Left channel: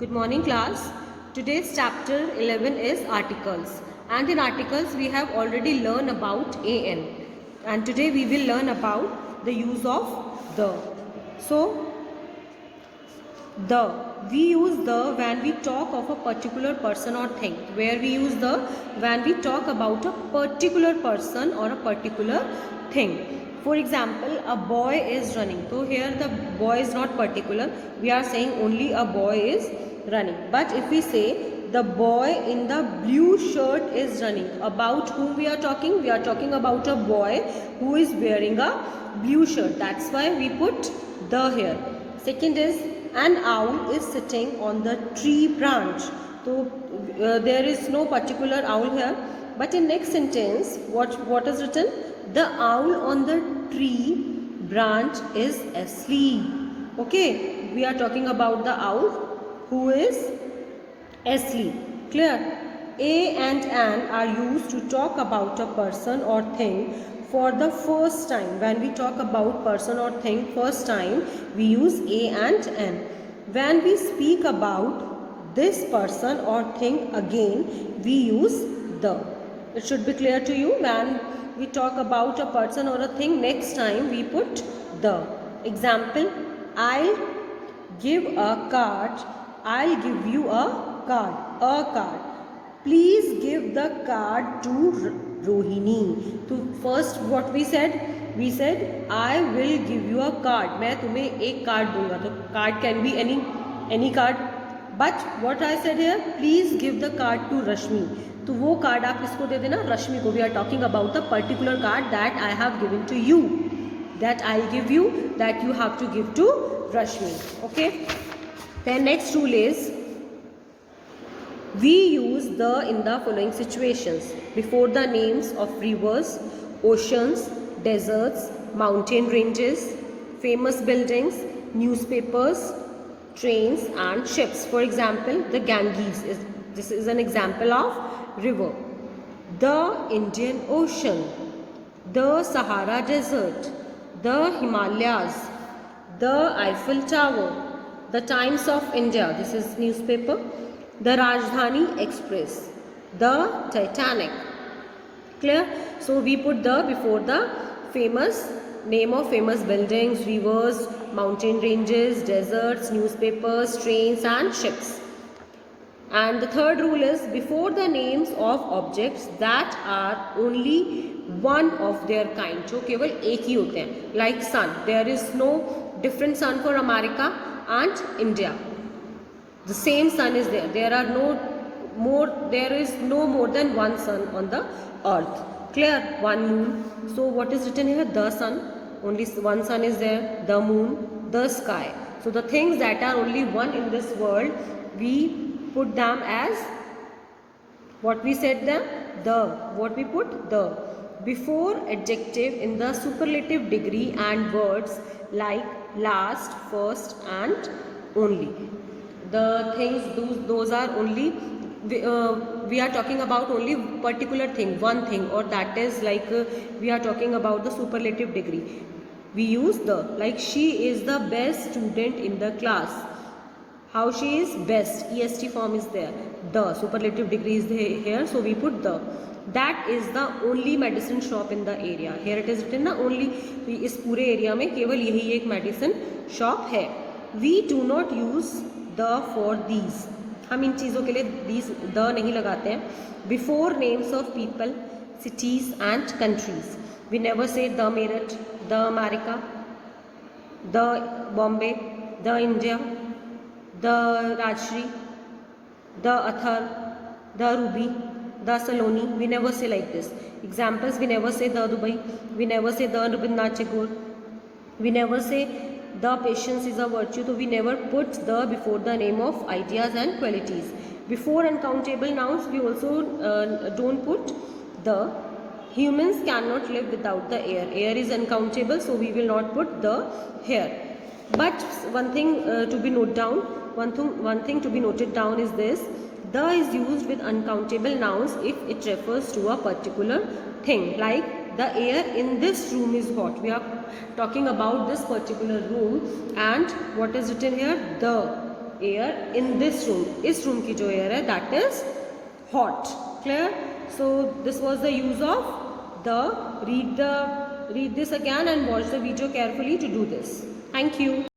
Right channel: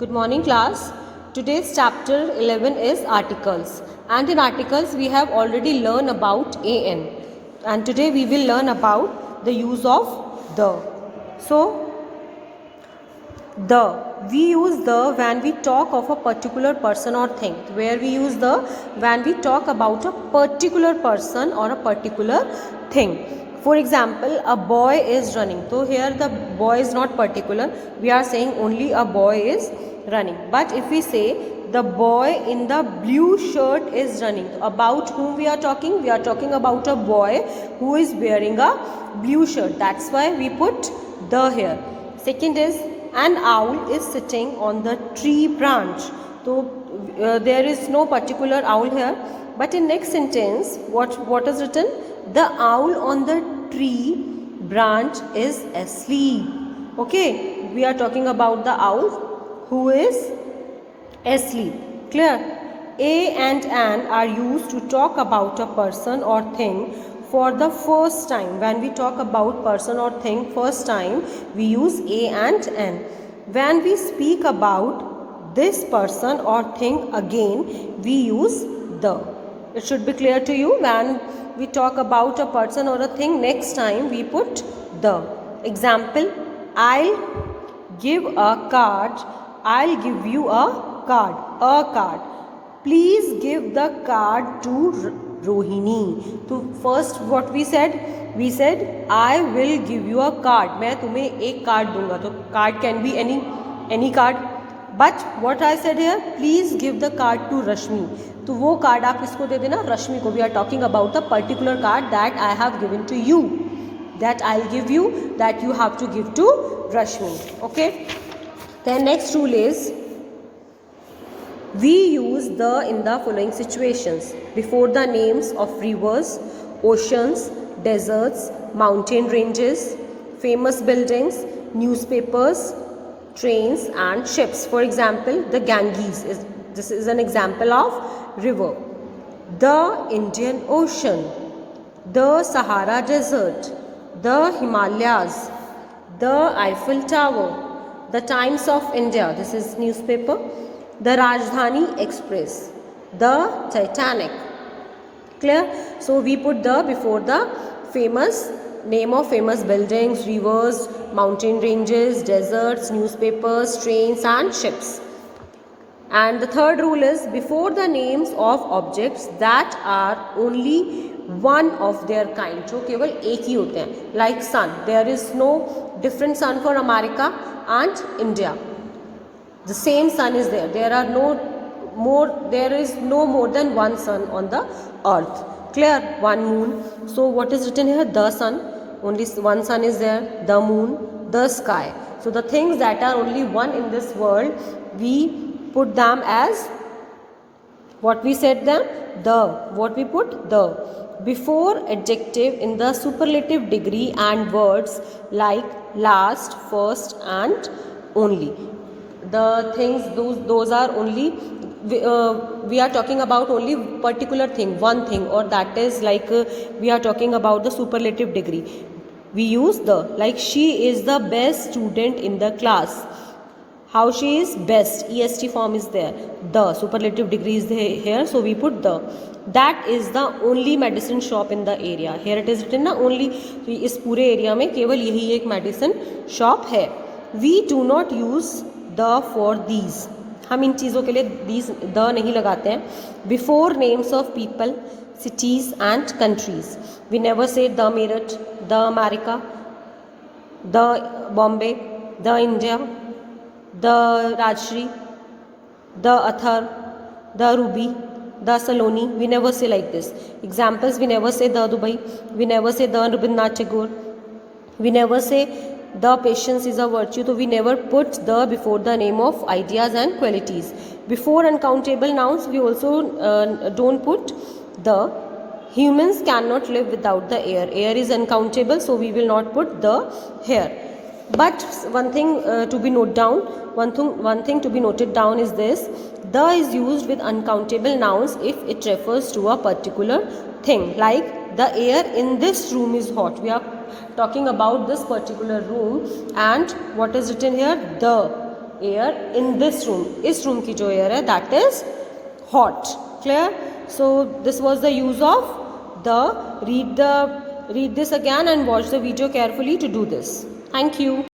Good morning class. Today's chapter 11 is articles, and in articles we have already learned about an, and today we will learn about the use of the. So the, we use the when we talk of a particular person or thing. Where we use the? When we talk about a particular person or a particular thing. For example, a boy is running. So here the boy is not particular. We are saying only a boy is running. But if we say the boy in the blue shirt is running, about whom we are talking? We are talking about a boy who is wearing a blue shirt. That's why we put the here. Second is, an owl is sitting on the tree branch. So there is no particular owl here. But in next sentence, what is written? The owl on the tree branch is asleep. Okay, we are talking about the owl who is asleep. Clear? A and an are used to talk about a person or thing for the first time. When we talk about person or thing first time, we use a and an. When we speak about this person or thing again, we use the. It should be clear to you. When we talk about a person or a thing next time, we put the. Example, I'll give a card. I'll give you a card. A card. Please give the card to Rohini. So first what we said? We said I will give you a card. मैं तुम्हें एक card दूंगा. तो card can be any card. But what I said here? Please give the card to Rashmi. तो वो card आप किसको दे देना? रश्मि को. We are talking about the particular card that I have given to you. That I'll give you. That you have to give to Rashmi. Okay. Then next rule is, we use the in the following situations: before the names of rivers, oceans, deserts, mountain ranges, famous buildings, newspapers, trains and ships. For example, the Ganges this is an example of river. The Indian Ocean, the Sahara Desert, the Himalayas, the Eiffel Tower, the Times of India, this is newspaper, the Rajdhani Express, the Titanic. Clear? So we put the before the famous name of famous buildings, rivers, mountain ranges, deserts, newspapers, trains and ships. And the third rule is, before the names of objects that are only one of their kind. जो केवल एक ही होते हैं. Like sun. There is no different sun for America and India. The same sun is there. There is no more than one sun on the earth. Clear? One moon. So what is written here? The sun. Only one sun is there. The moon. The sky. So the things that are only one in this world, we put them as, what we said them? The. What we put? The. Before adjective in the superlative degree and words like last, first and only. The things, those are only, we are talking about only particular thing, one thing, or that is like we are talking about the superlative degree. We use the, like she is the best student in the class. How she is best, est form is there. The superlative degree is here, so we put the. That is the only medicine shop in the area. Here it is written ना only. तो इस पूरे area में केवल यही एक medicine shop है. We do not use the for these. हम इन चीज़ों के लिए these the नहीं लगाते हैं. Before names of people, cities and countries, we never say the Meerut, the America, the Bombay, the India, the Rajshri, the Athar, the Ruby, the Saloni. We never say like this. Examples, we never say the Dubai. We never say the Rabindranath Tagore. We never say the patience is a virtue. So we never put the before the name of ideas and qualities. Before uncountable nouns, we also don't put the. Humans cannot live without the air. Air is uncountable, so we will not put the here. But one thing to be noted down, one thing to be noted down is this: the is used with uncountable nouns if it refers to a particular thing. Like the air in this room is hot. We are talking about this particular room, and what is written here? The. air in this room, इस room की जो air है that is hot. Clear? So this was the use of the. Read this again and watch the video carefully to do this. Thank you.